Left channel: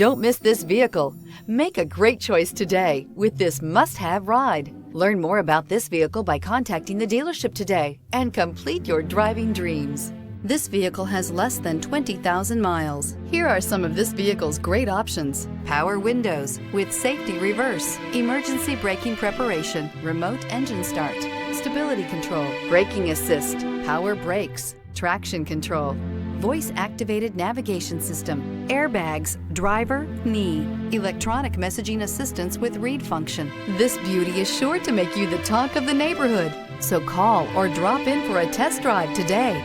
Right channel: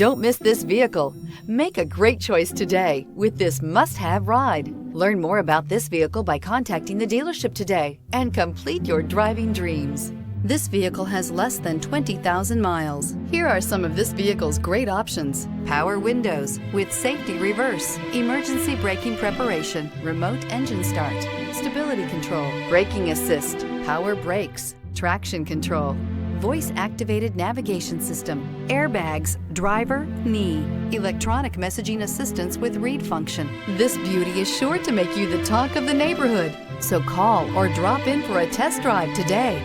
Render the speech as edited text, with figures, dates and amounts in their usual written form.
Don't miss this vehicle. Make a great choice today with this must-have ride. Learn more about this vehicle by contacting the dealership today and complete your driving dreams. This vehicle has less than 20,000 miles. Here are some of this vehicle's great options: power windows with safety reverse, emergency braking preparation, remote engine start, stability control, braking assist, power brakes, traction control, voice-activated navigation system, airbags, driver, knee, electronic messaging assistance with read function. This beauty is sure to make you the talk of the neighborhood. So call or drop in for a test drive today.